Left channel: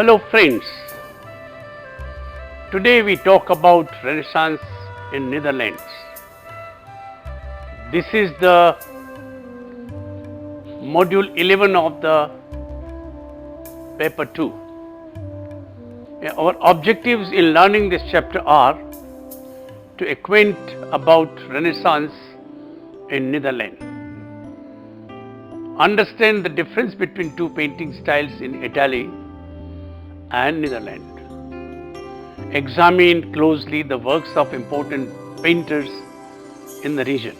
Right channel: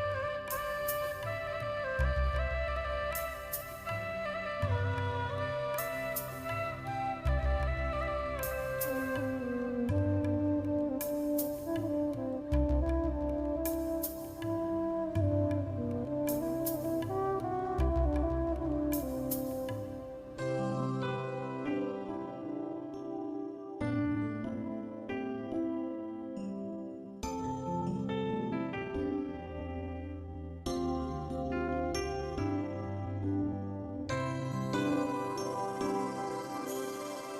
Hello friends, today we talk about Renaissance in Netherlands. This is the module 11 of the paper 2. Our objectives in learning this chapter are to acquaint about Renaissance in Netherlands, understand the difference between two painting styles in Italy and Netherlands, examine closely the works of important painters in the region.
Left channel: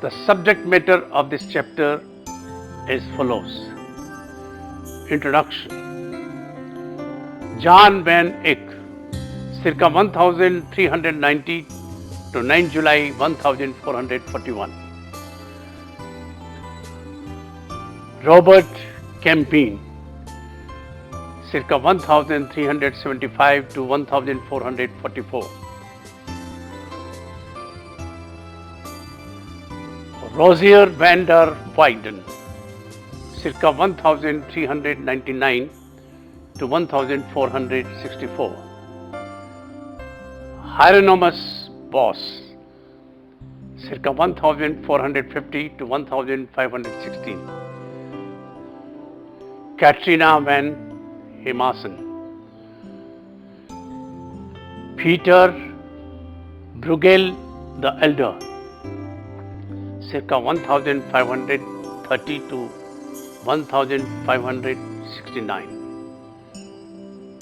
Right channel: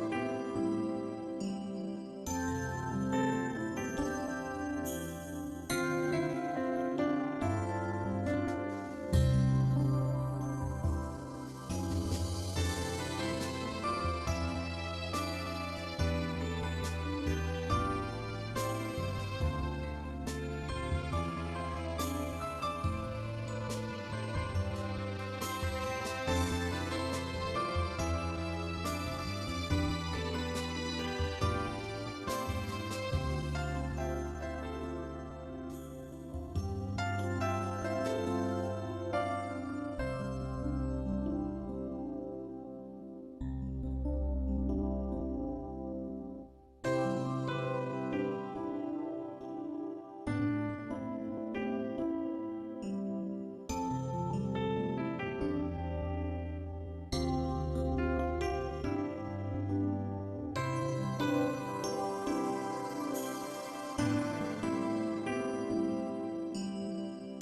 The subject matter of this chapter is follows. Introduction. Jan van Eyck, circa 1390 to 9 July 1441. Robert Campin, circa 1375 to 1444. Rosier van der Weyden, circa 1399 to 1464. Hieronymus Bosch, circa 1450 to 1516. Katrina van Hemassen, Peter Bruegel the Elder, circa 1530 to 1569.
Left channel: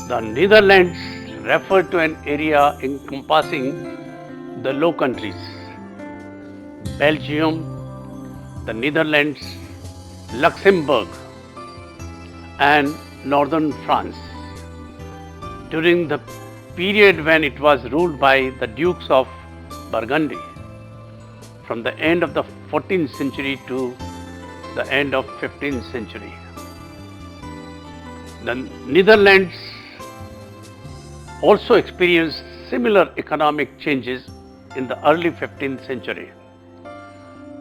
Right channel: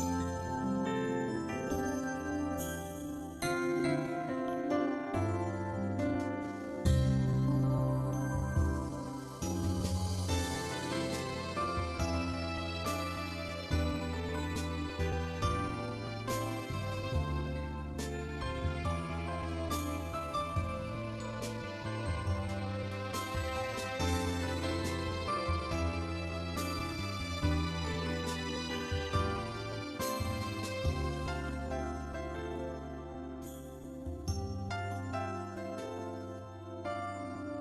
The Netherlands refer to an area encompassing the Low Countries, Belgium, the Netherlands, Luxembourg, and northern France, during the period when it was ruled by the Dukes of Burgundy, from the end of the 14th century to the end of 15th century. The Netherlands also experienced similar economic changes in the early 15th century.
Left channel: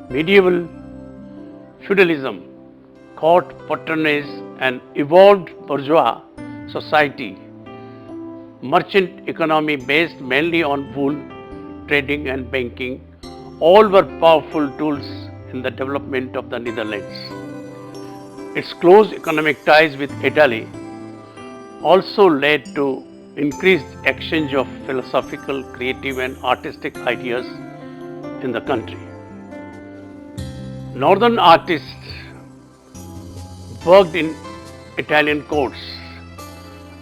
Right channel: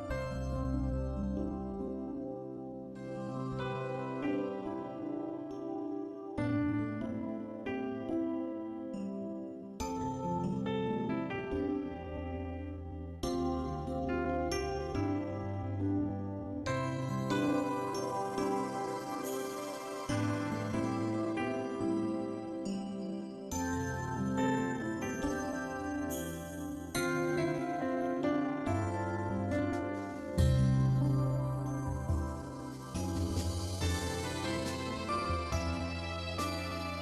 Medieval feudalism, court patronage, and evolved bourgeois society, merchant economy based mainly on wool, trading and banking, all were powerful tools in the development of the Netherlands. Its close economic ties with Italy also led to increased exchange of philosophical, creative and artistic ideas in the country. Northern artists worked in Italian courts,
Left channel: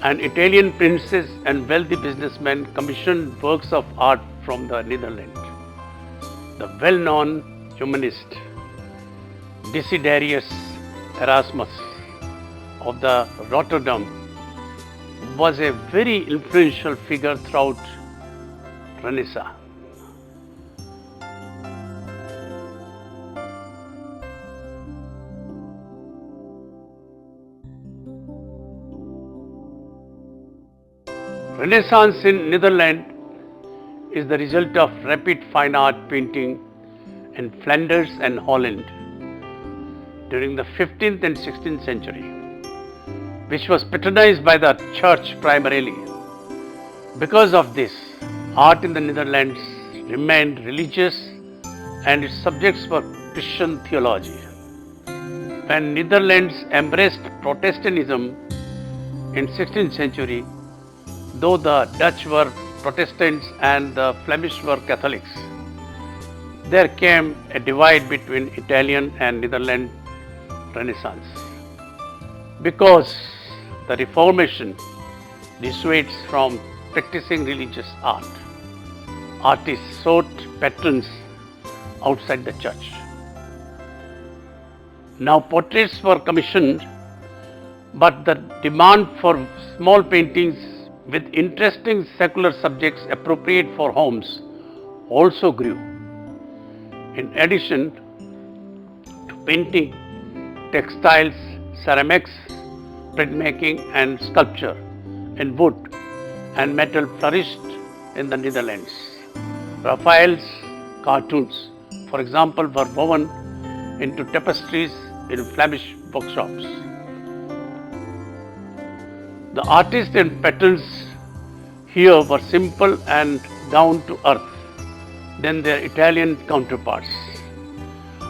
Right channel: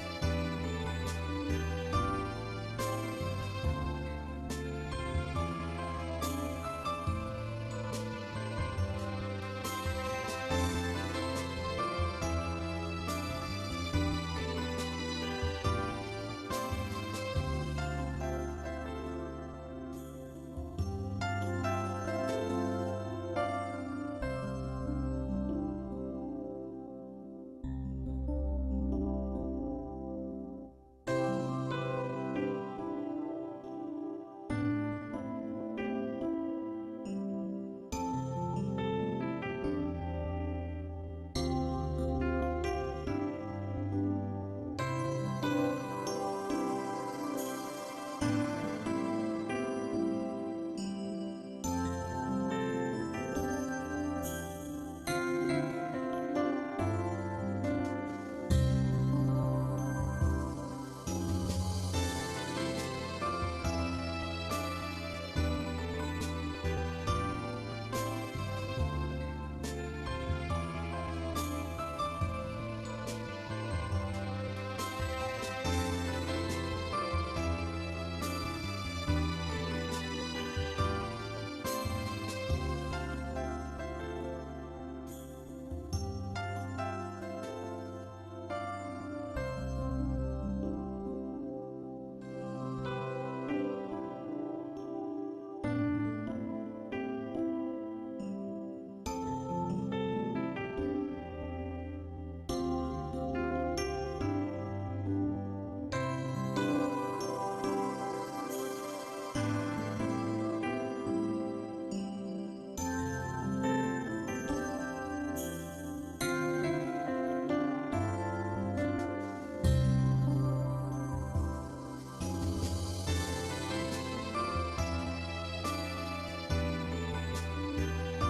and Italian princes and wealthy businessmen commissioned works of art from the Netherlands. The well-known humanist Desiderius Erasmus of the Rotterdam was a very influential figure throughout Renaissance. Renaissance in Netherlands is the result of rapid fine art painting in Flanders and Holland during the 15th and 16th century, which was patronized by the church primarily. Because of this, art in the Netherlands remained religious and its subjects were Christian theology. When Netherlands embraced Protestantism in 16th century, though the Dutch were Protestants and the Flemish were Catholics, there came a divide between Italian and Netherlands Renaissance. Because the Reformation dissuades from practicing religious art, artists sought patrons outside the church. Now portraits were commissioned, but the demand for small paintings with interesting secular subjects appropriate for homes also grew. In addition to painting, textiles, ceramics, printmaking and sculpture in wood and metal flourished in the Netherlands. Raphael's cartoons, for example, were woven into tapestries in Flemish workshops. The artists and patterns here were simple and down to earth than their Italian counterparts.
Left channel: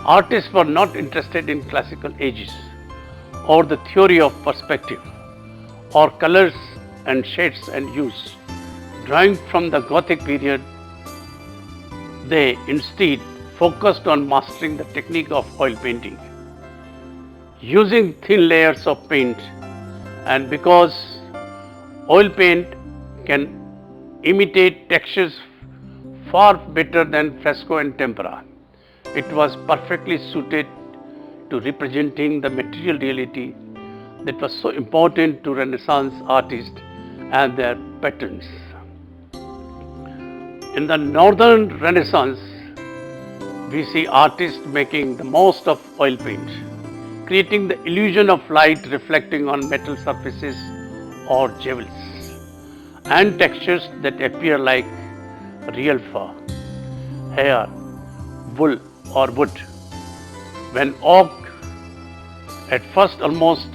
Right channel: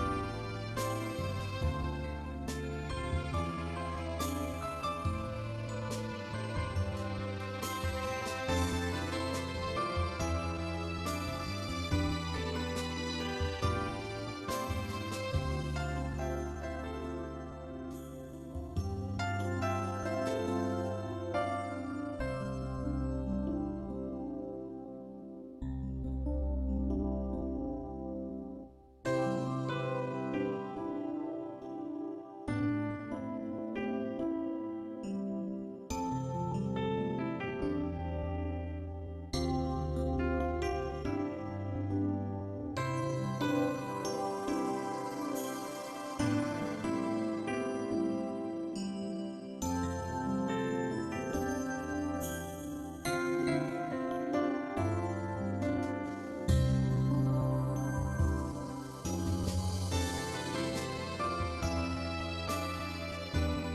Artists were not interested in classical ages or the theory of perspective or colors and shades and hues. Drawing from the Gothic period, they instead focused on mastering the technique of oil painting. Using thin layers of paint, and because oil paint can imitate textures far better than fresco and tempera, it was perfectly suited to representing the material reality that was so important to Renaissance artists and their patrons. In the Northern Renaissance, we see artists making the most of oil paint, creating the illusion of light reflecting on metal surfaces or jewels, and textures that appear like real fur, hair, wool or wood. When oak, at first almost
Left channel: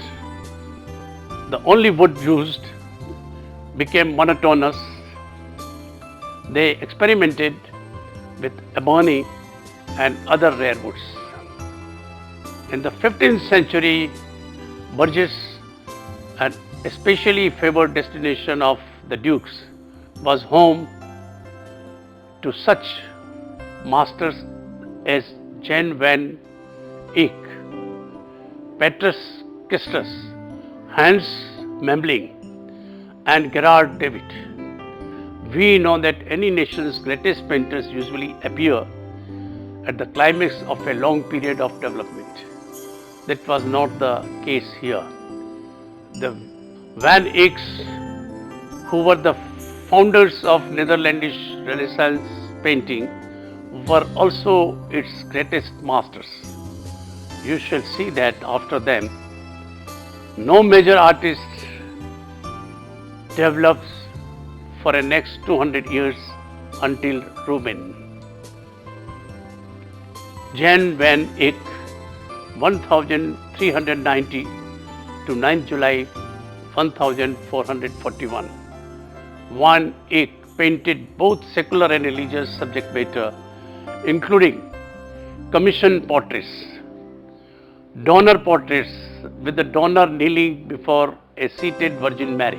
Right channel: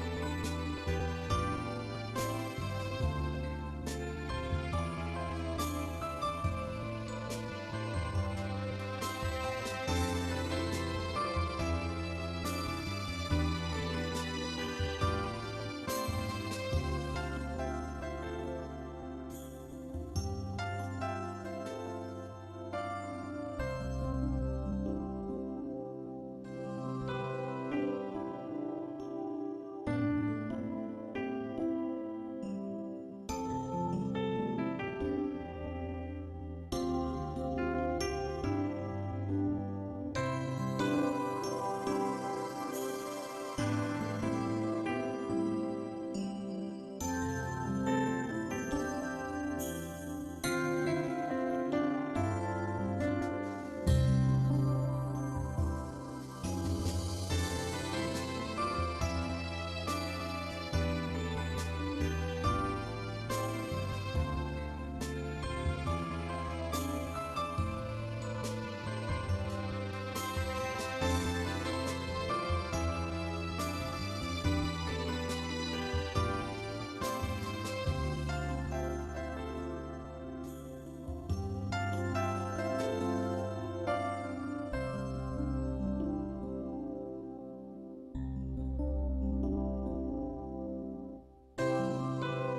the only wood used, became monotonous, they experimented with ebony and other rare woods. In the 15th century, Bourges, an especially favored destination of the dukes, was home to such masters as Jan van Eyck, Petrus Kistus, Hans Memling, and Gerard David. We know that any nation's greatest painters usually appear at the climax of a long period of development. That was not the case here. The Van Eycks, who were the founders of Netherlandish Renaissance painting, were also its greatest masters. You shall see that after them, no major artist develops for the next 200 years until Rubens. Jan van Eyck, 1390 to 9 July 1441. Van Eyck painted both secular and religious subject matter, including commissioned portraits, donor portraits with the donor kneeling before a seated Virgin Mary,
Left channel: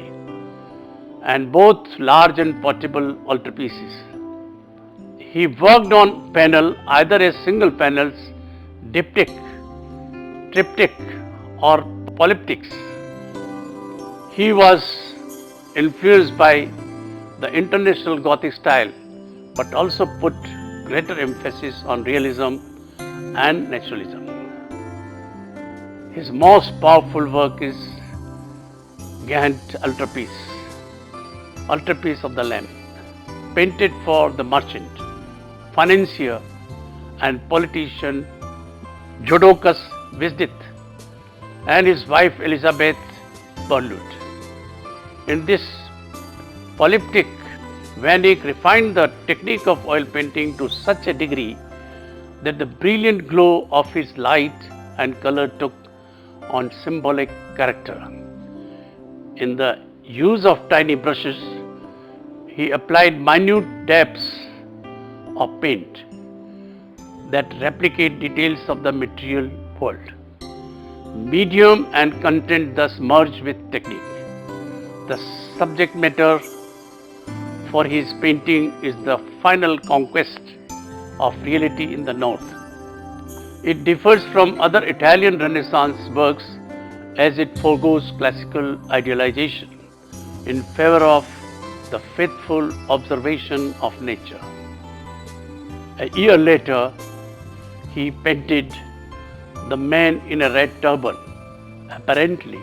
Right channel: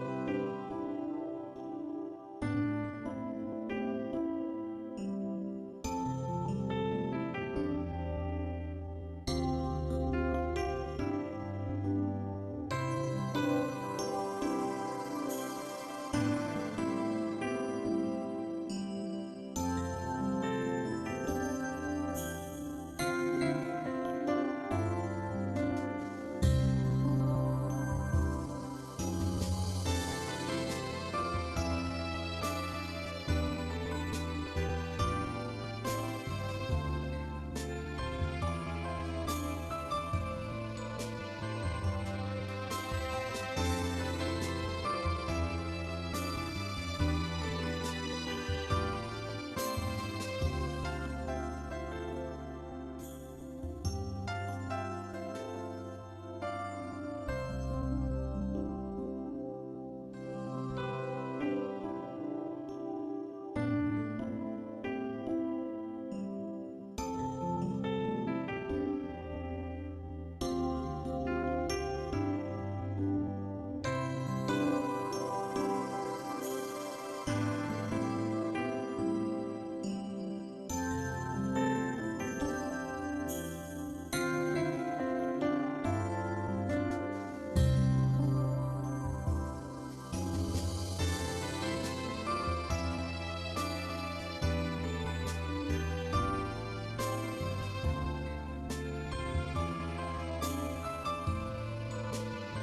and both large and portable altarpieces. He worked on panel either as single panels, diptych, triptych or polyptychs. He was influenced by the international Gothic style, but also put greater emphasis on realism and naturalism. His most powerful work is Ghent altarpiece of the Lamb, painted for the merchant, financier and politician Jodocus Visdith and his wife Elizabeth Burnlund. In this polyptych, Van Eyck refined the technique of oil painting to such a degree that the brilliant glow of his light and color took on symbolic character. In the use of tiny brushes, he applied minute dabs of paint that replicate details of the material world. Medium and content thus merge with technique. The subject matter for his painting is the final conquest of reality in the North. It differs from other Italian Renaissance works as it forgoes classical idealization in favor of the faithful observation of nature. A year later, he painted The Man in a Red Turban. Apparently,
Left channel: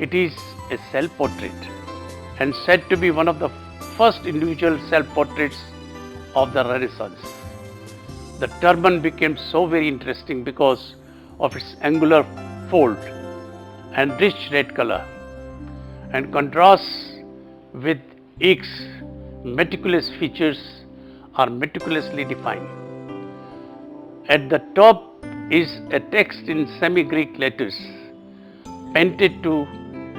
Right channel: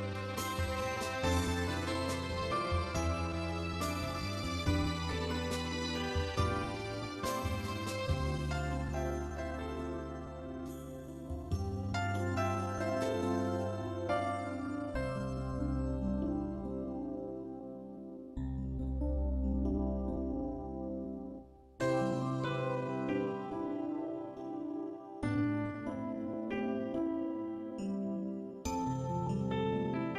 it is a self-portrait and said to be one of the first individual self-portraits of the Renaissance. The turban became so very interesting because of its angular fold and rich red color, and contrasts with Eyck's meticulous features are meticulously defined. At the top is a text in semi-Greek letters, painted to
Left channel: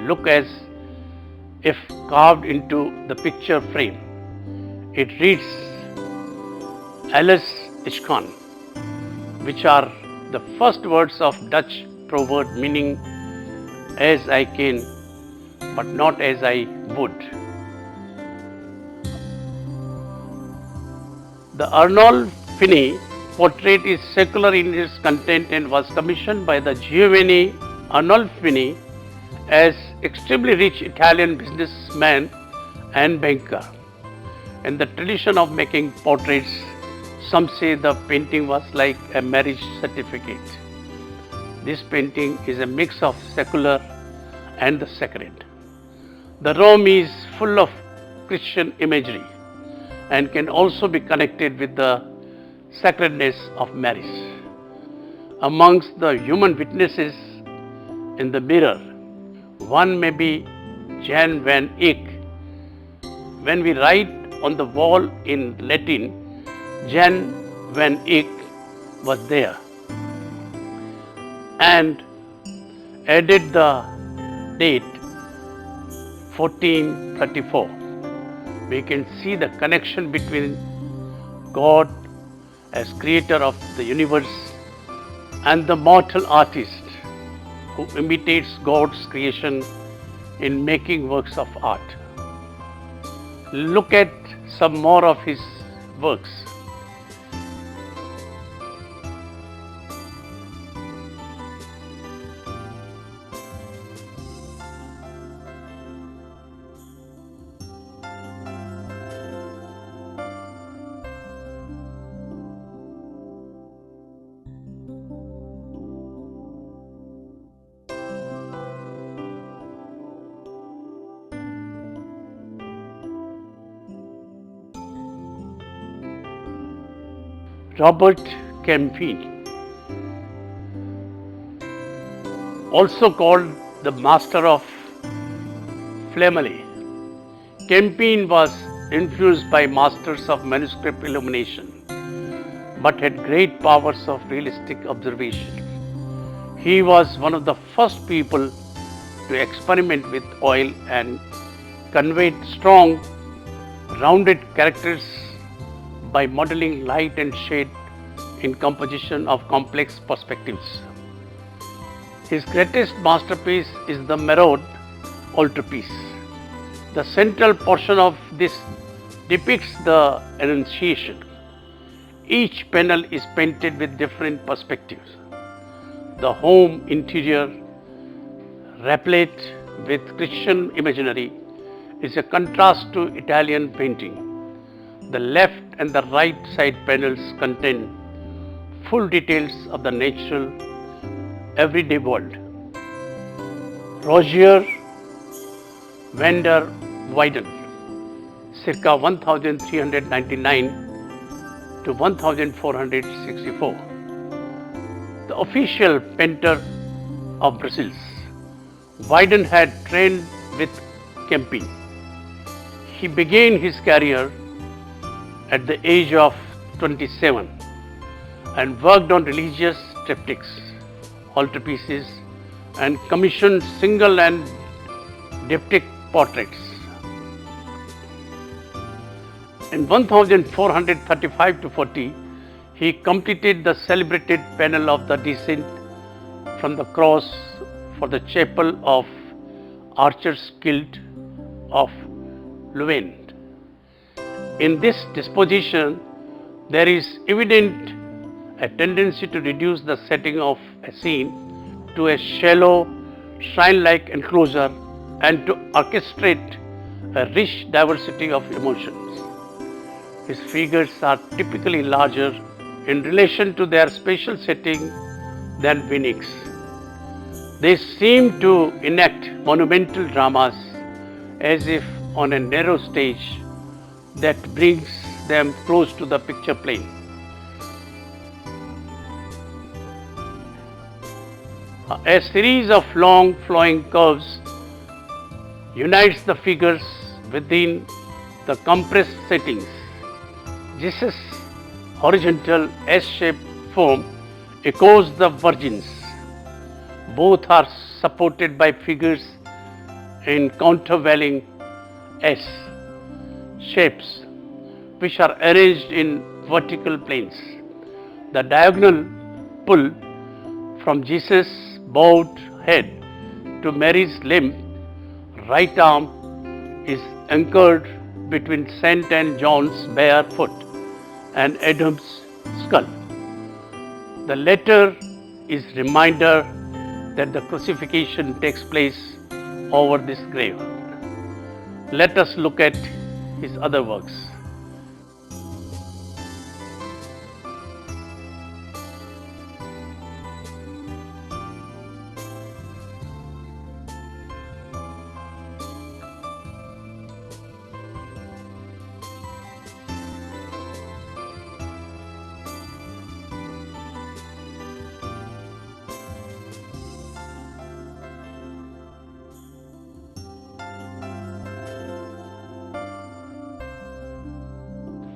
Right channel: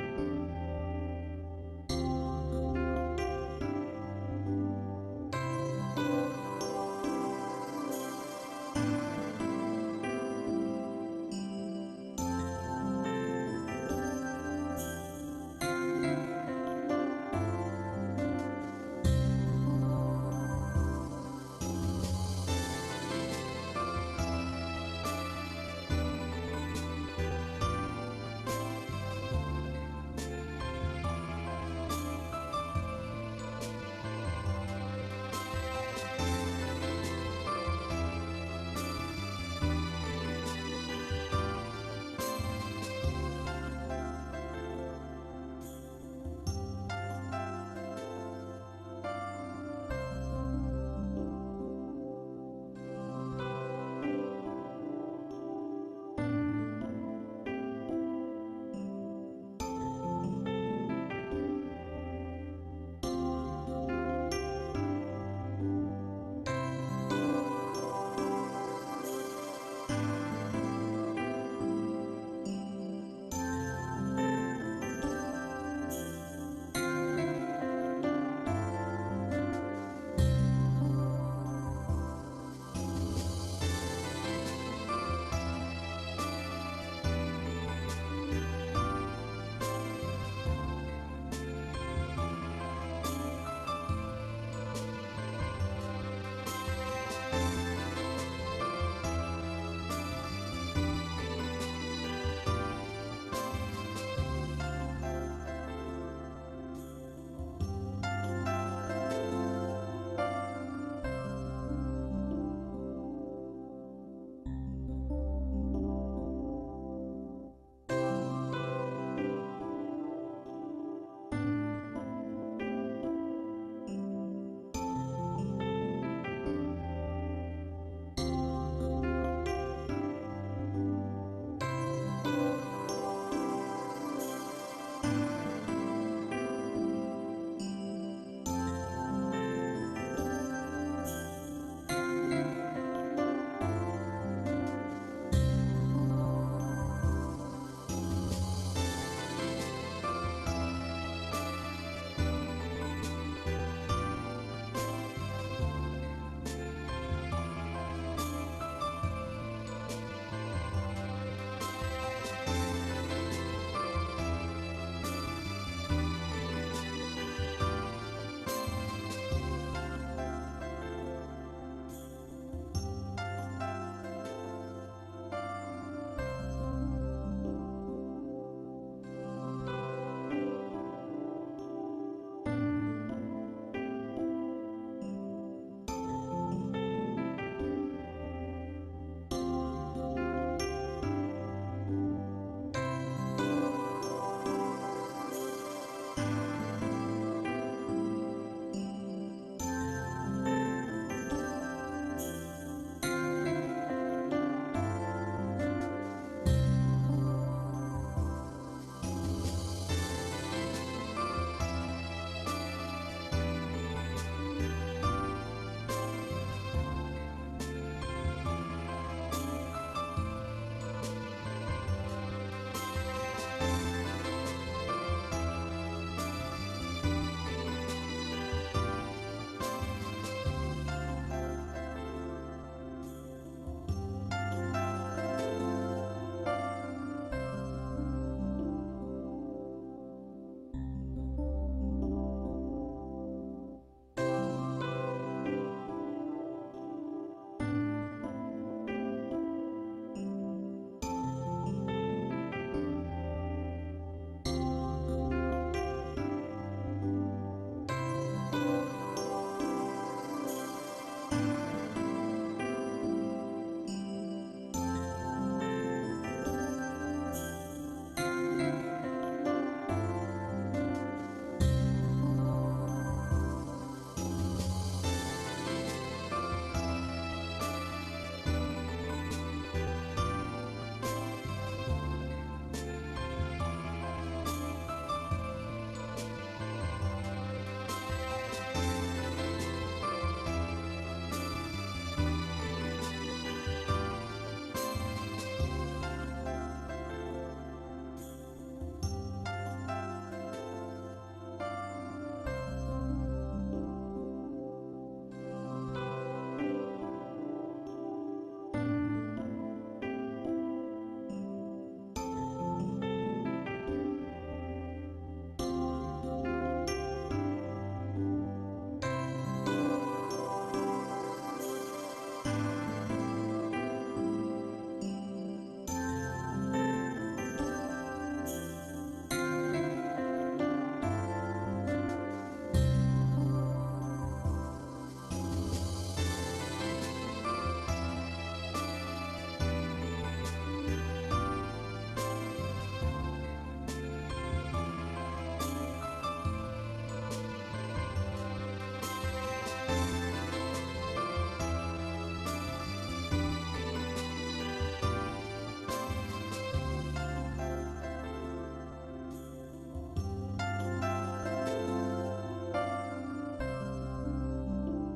look as if carved into the picture frame. It reads Alles is kan, which are the first words of Dutch proverb meaning as I can, but not as I would. The Arnold Finney portrait is secular in its content and was commissioned by the Giovanni Arnolfini as extremely rich Italian businessman and banker. In the tradition of making portraits, some say the painting was like a marriage certificate. This painting is a mix of secular and the sacred. The Rome is full of Christian imagery and can also be connected with the sacredness of marriage. Amongst the human witnesses in the mirror, one may be Jan van Eyck. When we write on the wall in Latin, Jan van Eyck was there, and added the date 1434. We can see the connection between God as creator of the universe and the mortal artist who imitates God's creation in making works of art. Look at some more of his works. Robert Campin, also called the master of Flammele. Campin was influenced by masters of manuscript illumination, but had great powers of realistic observation. He was one of the first people to experiment with oil and conveyed strong, rounded characters by modeling light and shade in composition of complex perspectives. His greatest masterpiece is the Maraude altarpiece. The central portion of this depicts the Annunciation. Each panel is painted with different perspectives. The home interior, replete with Christian imagery, is a contrast to Italian painting. The left and the right side panels contain full details of the natural, everyday world. Rogier van der Weyden, circa 1399 to 1464, the official painter of Brazil. Weyden had trained with Campin. He began his career at the age of 27 and worked on religious triptychs, altarpieces, and commissioned single and diptych portraits. In 1435 to 40, he completed the celebrated panel of the Descent from the Cross for the chapel of Archer's Guild of Louvain. In this disposition, there is evident a tendency to reduce the setting of a scene to a shallow, shrine-like enclosure and to orchestrate a rich diversity of emotions. His figures are typically larger in relation to their spatial setting than Van They seem to enact monumental dramas as if on a narrow stage that brings them close to the picture plane. A series of long flowing curves unites the figures within the compressed settings. Jesus' horizontal S-shaped form echoes the Virgins. Both are supported by figures in countervailing S shapes which are arranged in vertical planes. The diagonal pull from Jesus' bowed head to Mary's limp right arm is anchored between St. and John's bare foot and Adam's skull. The latter is reminder that the crucifixion takes place over this grave. Let us look at his other works.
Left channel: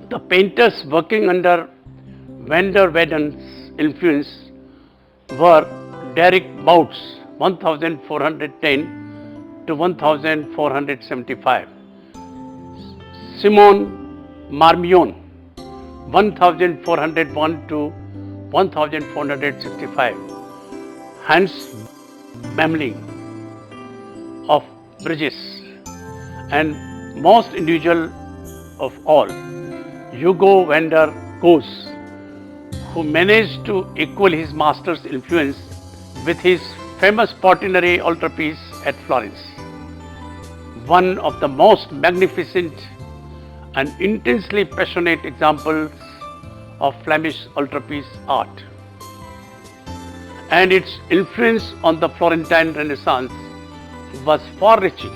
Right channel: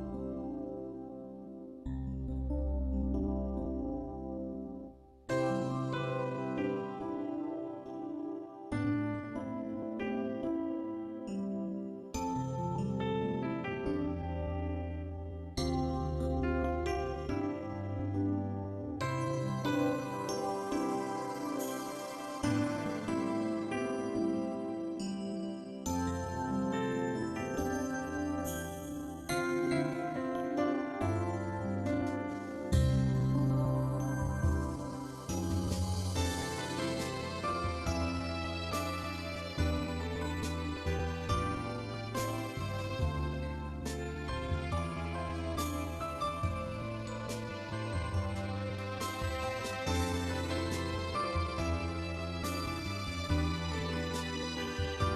The painters working under Van der Weyden's influence were Derek Bouts 1410 to 1475, Simon Marmion 1401 to 1465, Hans Memling of Bruges, and most unusual of all, Hugo van der Goes, who managed to equal his master's influence with his famous Portinari altarpiece at Florence, one of the most magnificent and intensely passionate examples of Flemish altarpiece art. And its influence on the Florentine Renaissance was far-reaching.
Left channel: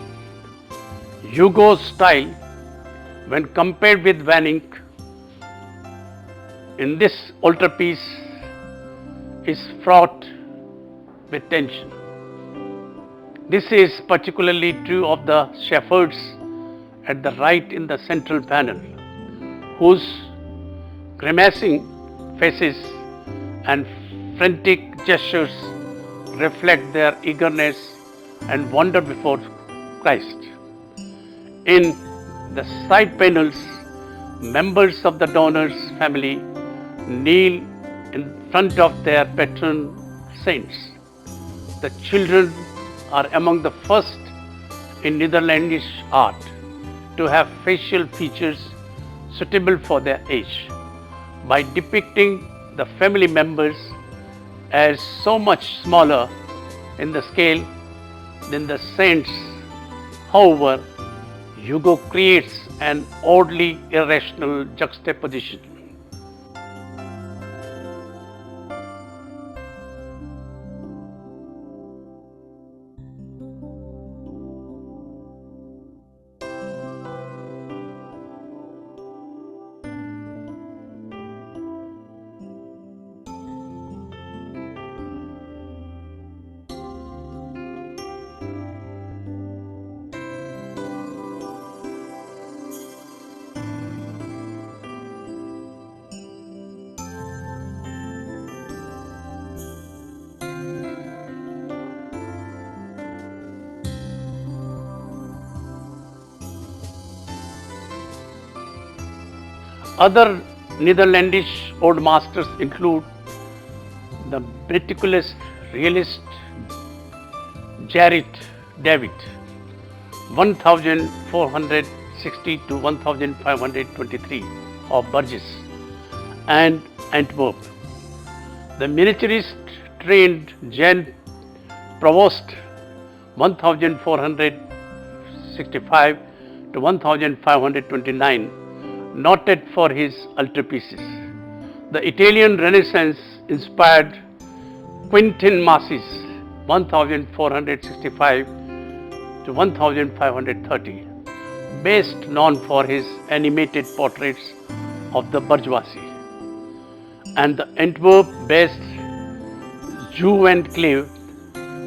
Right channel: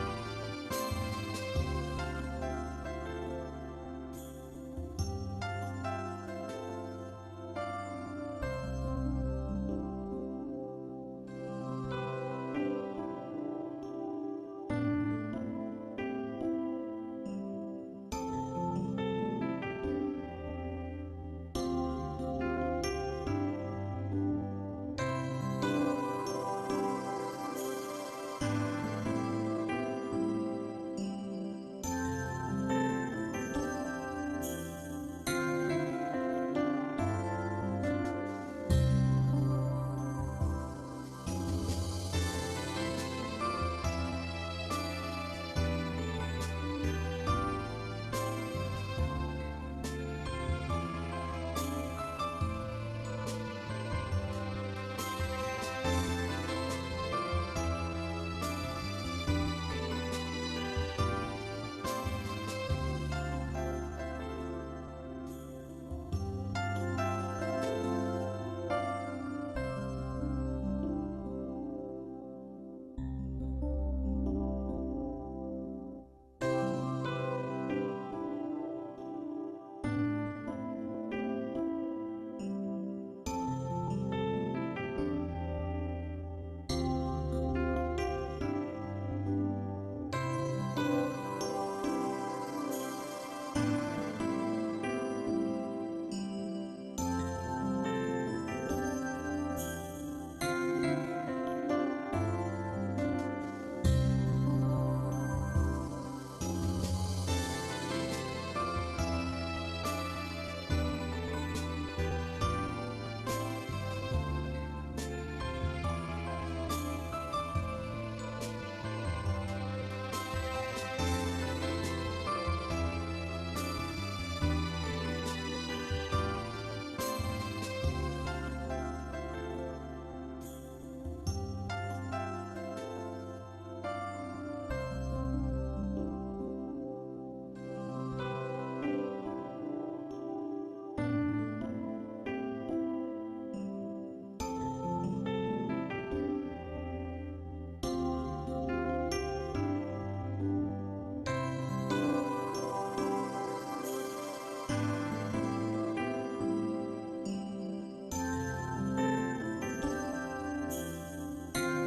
Hugo's style, when compared with Van Eyck, in this altarpiece is fraught with tension. This is particularly true of the shepherds at the right in the central panel, whose grimacing faces and frantic gestures reflect their eagerness and wonder before Christ. In the side panels, members of the donor's family kneel in front of their patron saints. The children are among the first in Netherlandish art to have facial features suitable for their age, by depicting the family members as so much smaller in the scale than the saints. However, Hugo creates an oddly irrational juxtaposition. Other Netherlandish old masters include the meticulous realist Gerrit David 1460 to 1523 of Bruges and Antwerp, the miniaturist trained Jan Provost 1465 to 1529, noted for his altarpieces. The Italian Renaissance inspired Quentin Massis 1465 to 1530, best known for his animated portraits of the bourgeoisie, and the Antwerp-based Jew and Cleve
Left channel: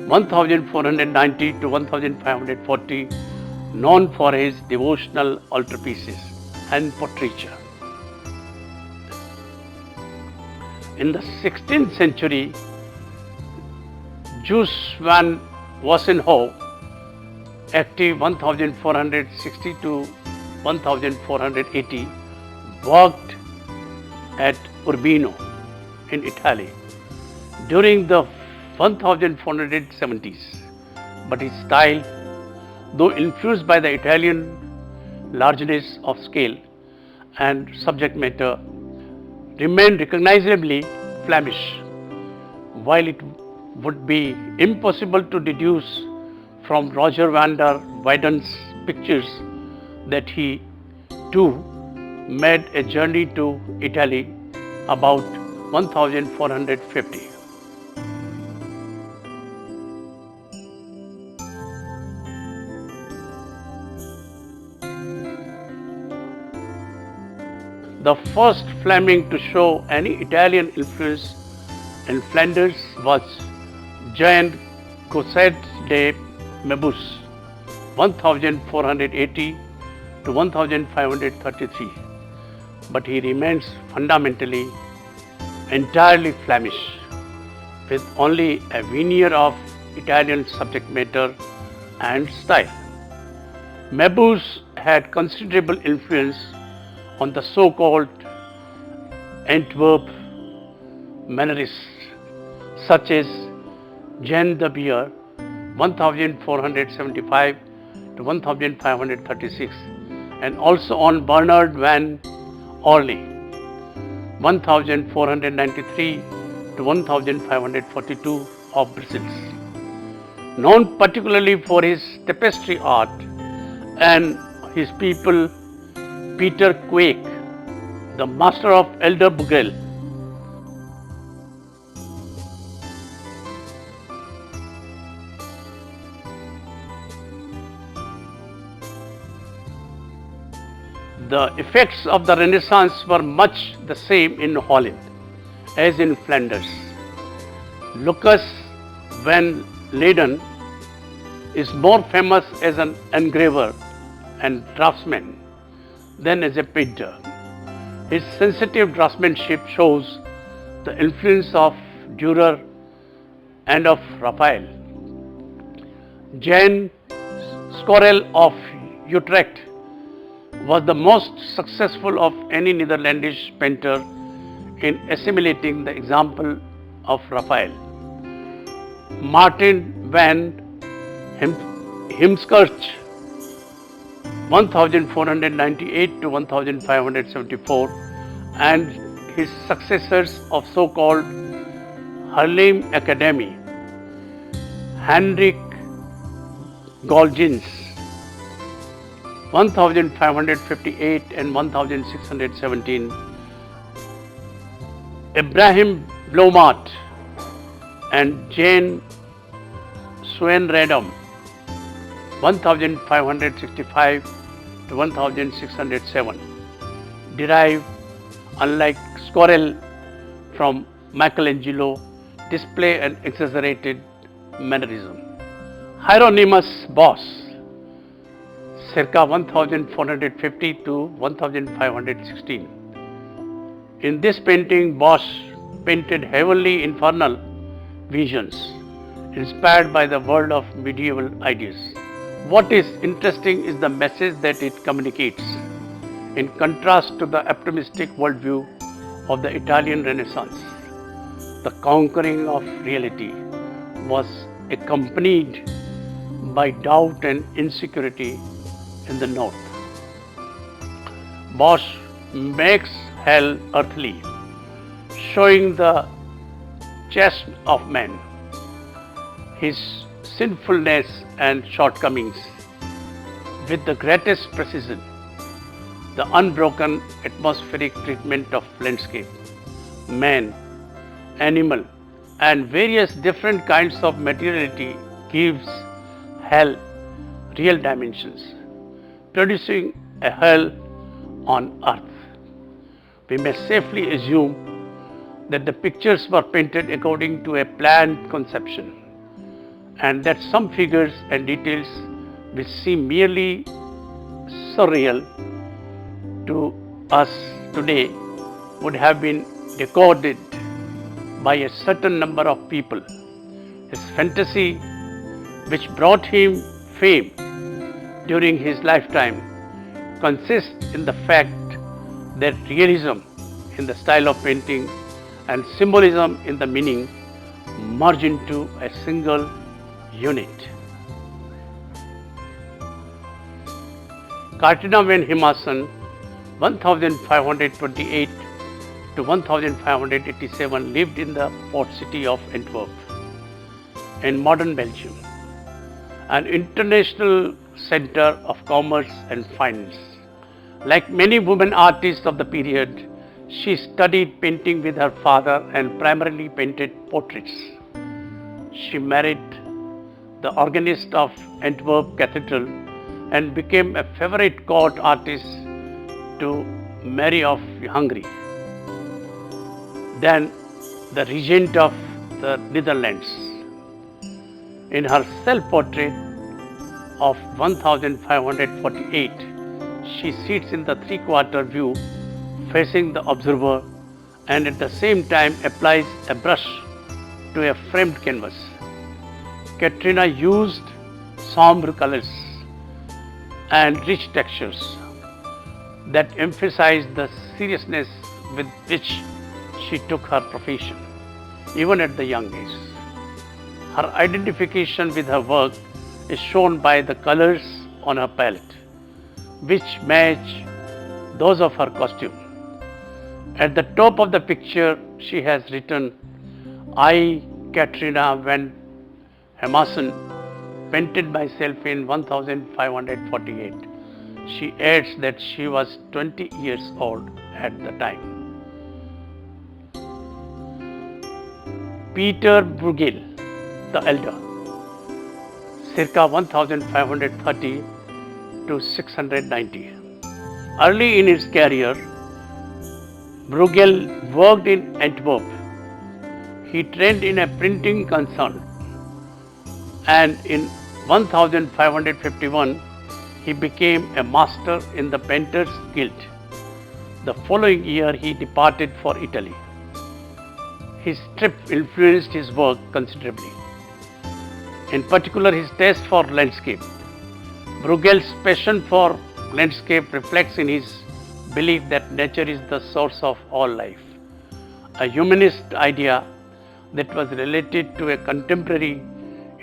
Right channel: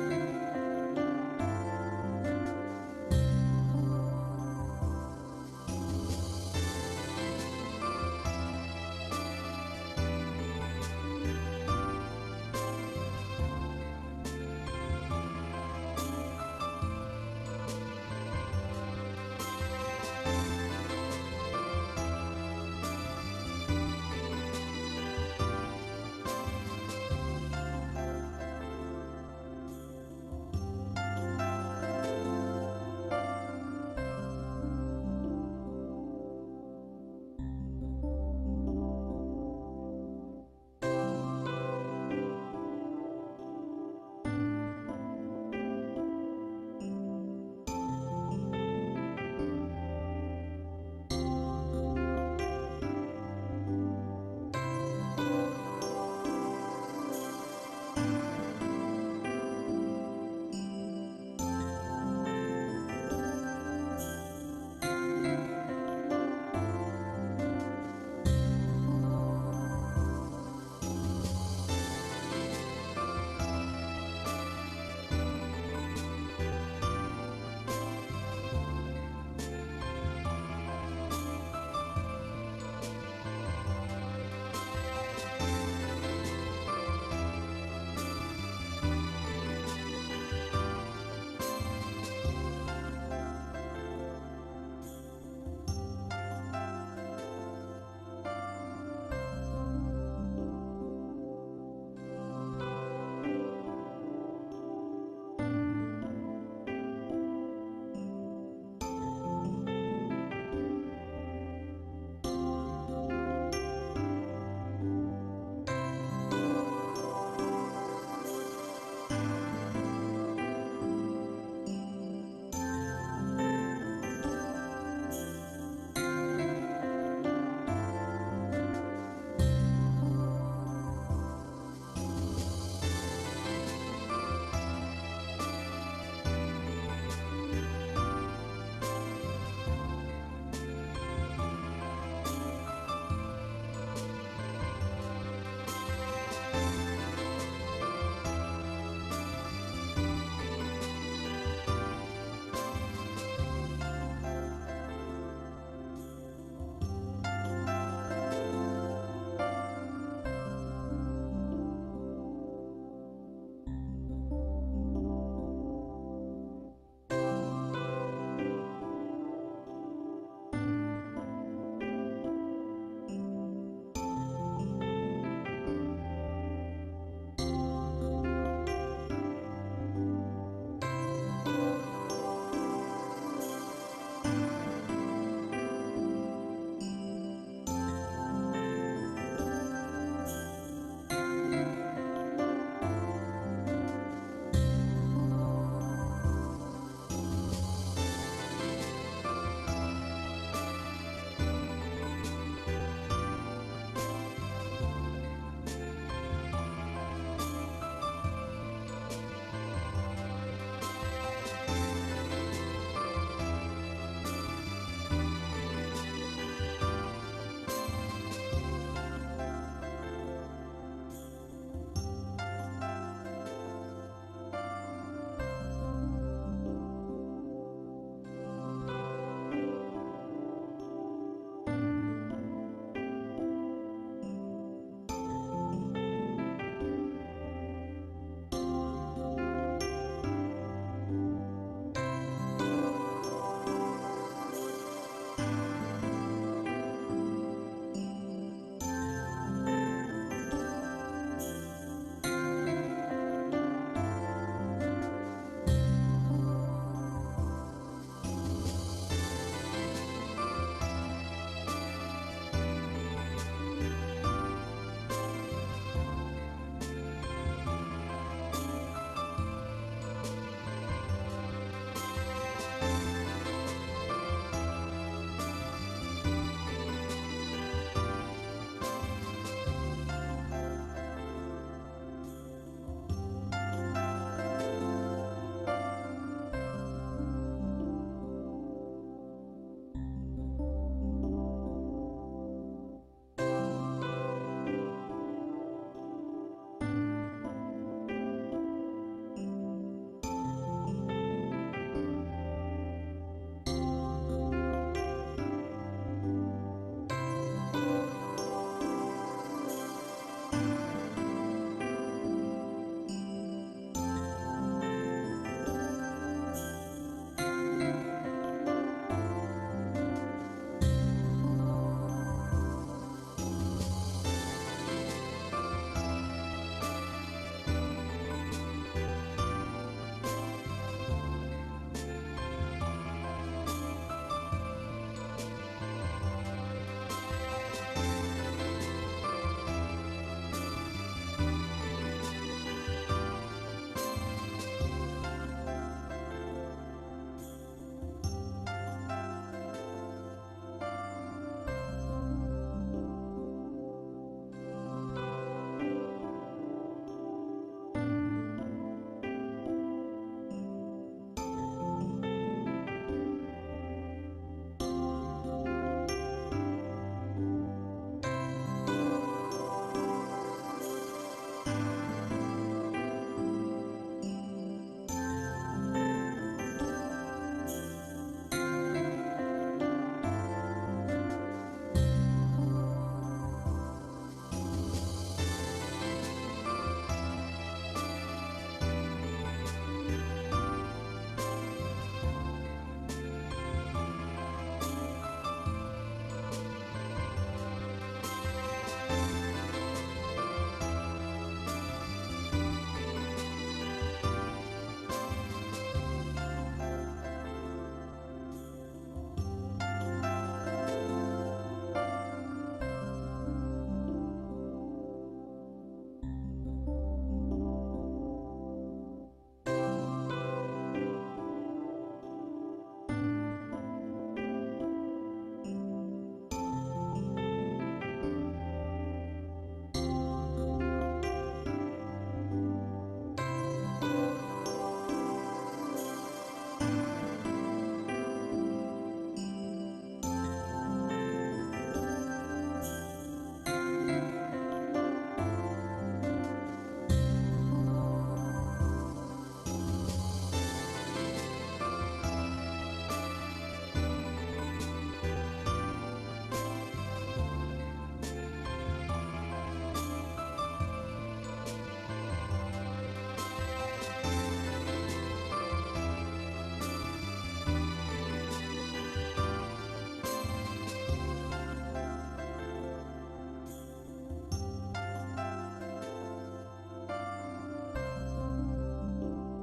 1490 to 1540, known for his devotional altarpieces and portraiture. In the 16th century, Jules van Wassenhoff active 1460 to 1480, worked at Urbino in Italy during the 1470s, but his style, though influenced by the Italian largeness of scale and subject matter, remained recognizably Flemish. While it would be impossible to deduce from Roger van der Weyden's pictures that he too made a journey to Italy about 1450. The first Fleming to show any Italian influence in Flanders was Jean Cousset de Mebus, 1480 to 1533, but he remains fundamentally entirely Flemish, with only a veneer of Italian subject matter and style. Mebus had considerable influence on the so-called Antwerp Mannerists, such as Jean de Beer, 1475 to 1536, and also on Bernard van Orly, 1493 to 1542 of Brussels. Known particularly for his tapestry art and his pupil Peter Quake, the master of Elder Bugel. The effects of the Renaissance were much the same in Holland as in Flanders. Lucas van Leyden is more famous as an engraver and draftsman than as a painter. His sensitive draftsmanship shows the influence of Dürer and of Raphael. Jan Scorel of Utrecht was the most successful of any Netherlandish painter in assimilating the example of Raphael. Martin van Heemskerk, 1498 to 1574, and his successors of so-called Haarlem Academy, Hendrik Golgens, 1558 and 1617, Abraham Blomaert and Jane Swaenradam, 1565 to 1607, derive, unlike Scorel, from Michelangelo, display an exaggerated mannerism. Hieronymus Bosch, circa 1450 to 1516. In this painting, Bosch painted heavily infernal visions inspired by the world of medieval ideas. What is interesting is the message that it communicates, in contrast to the optimistic worldview of the Italian Renaissance. The conquering of reality was accompanied by doubt and insecurity in the north. Bosch makes hell earthly, showing the chasm of man, his sinfulness and shortcomings, with the greatest precision. The unbroken atmospheric treatment of landscape, man, animal, and various different kinds of materiality gives hell real dimensions, producing a hell on earth. We may safely assume that the pictures were painted according to a planned conception, and that some figures and details which seem merely surreal to us today would have been decoded by a certain number of people. His fantasy, which brought him fame, during his lifetime consists in the fact that realism in the style of painting and symbolism in the meaning merge into a single unit. Katrina van Hemason, 1528 to 1587, lived in the port city of Antwerp in modern Belgium, an international center of commerce and finance. Like many women artists of the period, she studied painting with her father and primarily painted portraits. She married the organist of Antwerp Cathedral and became a favorite court artist to Mary of Hungary, then the regent of the Netherlands. In her self-portrait of 1548, she sits in the three-quarter view facing the observer and at the same time applies a brush to a framed canvas. Katrina used somber colors and rich textures that emphasized the seriousness with which she took her profession, even at the young age. Her identification with her work is shown by the colors on her palette, which match those of her costume. At the top of the picture, she has written, "I, Katrina van Hemason, painted myself in 1548. She adds that she was 20 years old at the time. Peter Bruegel, the elder, circa 1530 to 690. Early in his career, Bruegel worked in Antwerp. He trained in a printing concern, and in 1551 he became a master in the Painters Guild. The following year he departed for Italy. His trip influenced his work considerably, in particular his taste for landscape. Bruegel's passion for landscape reflects in his belief that nature is the source of all life, a humanist idea that was related to a contemporary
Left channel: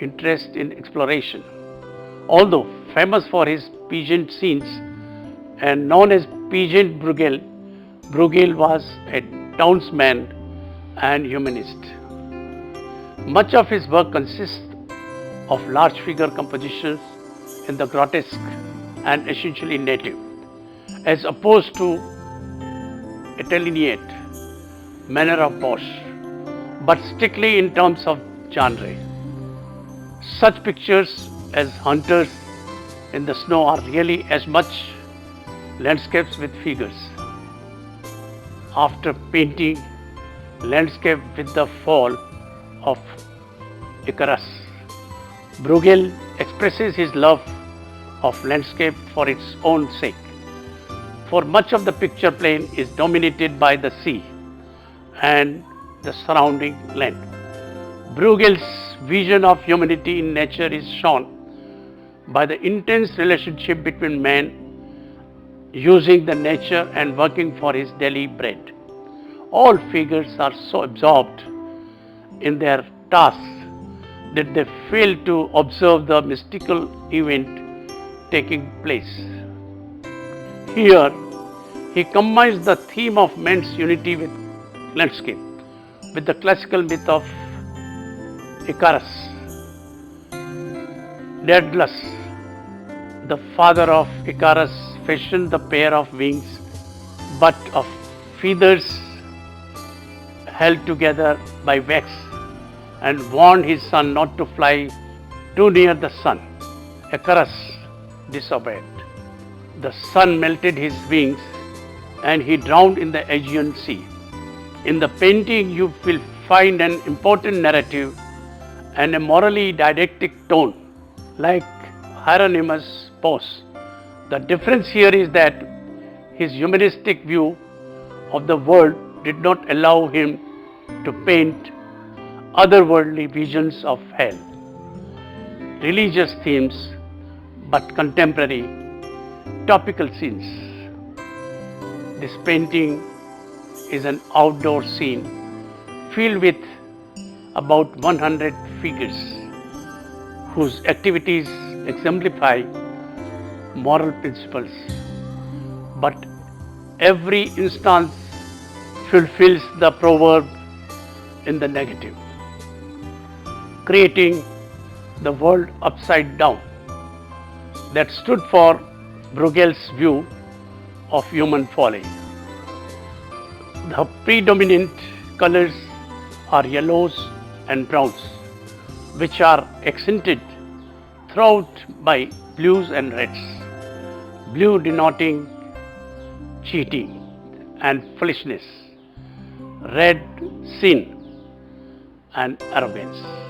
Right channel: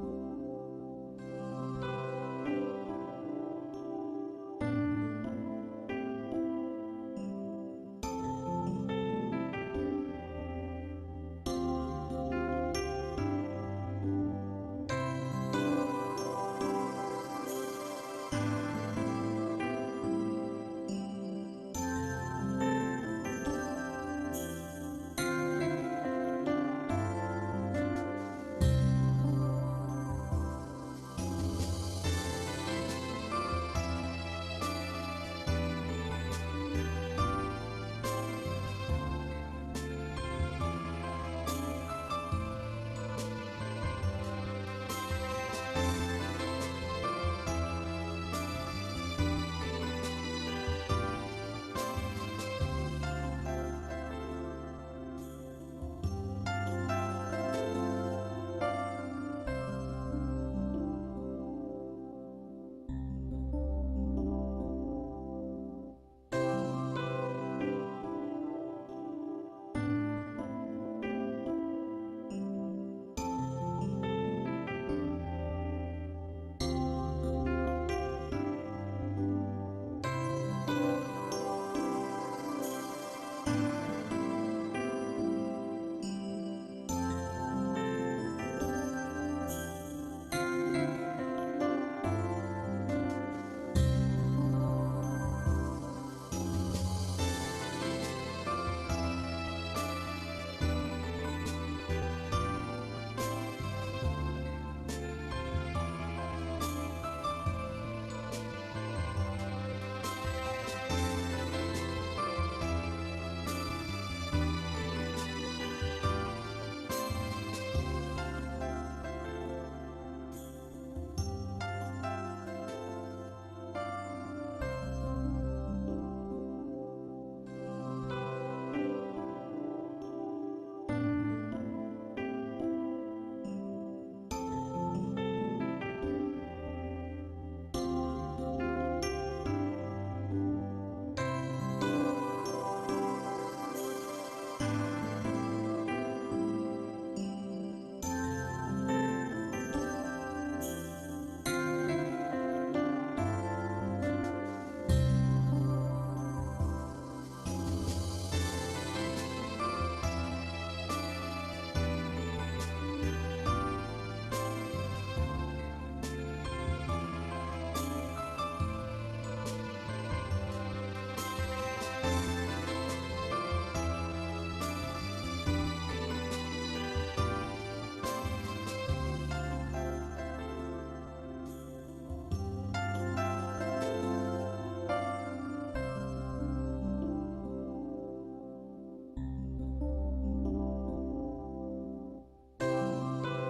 interest in exploration. Although famous for his peasant scenes and known as Peasant Bruegel, Bruegel was a townsman and humanist. Much of his work consists of large figure compositions in the grotesque and essentially native, as opposed to Italianate manner of Bosch, but strictly in terms of genre. Such pictures as Hunters in the Snow are really as much landscapes with figures. After painting landscape with the fall of Icarus, Bruegel expresses his love of landscape for its own sake. For much of the picture plane is dominated by the sea and the surrounding land. Bruegel's vision of humanity in nature is shown by the intense relationship between man using the nature and working for his daily bread. All figures are so absorbed in their tasks that they fail to observe the mystical event taking place. Here, he combines the theme of man's unity with landscape with the classical myth of Icarus. Daedalus, the father of Icarus, fashioned the pair of wings but of feathers held together by wax and warned his son not to fly too near the sun. Icarus disobeyed. The sun melted his wings and he drowned in the Aegean Sea. In the painting, you will find an important narrative and a morally didactic tone, like Hieronymus Bosch. The difference here is that his humanistic view of the world did not allow him to paint otherworldly visions of hell, religious themes, but contemporary, topical scenes. This painting is an outdoor scene filled with about 100 figures whose activities exemplify moral principles, but every instance fulfills the proverb in the negative, creating the world upside down that stood for Bruegel's view of human folly. The predominant colors are yellows and browns, which are accented throughout by blues and reds. Blue denoting cheating and foolishness, red sin and arrogance.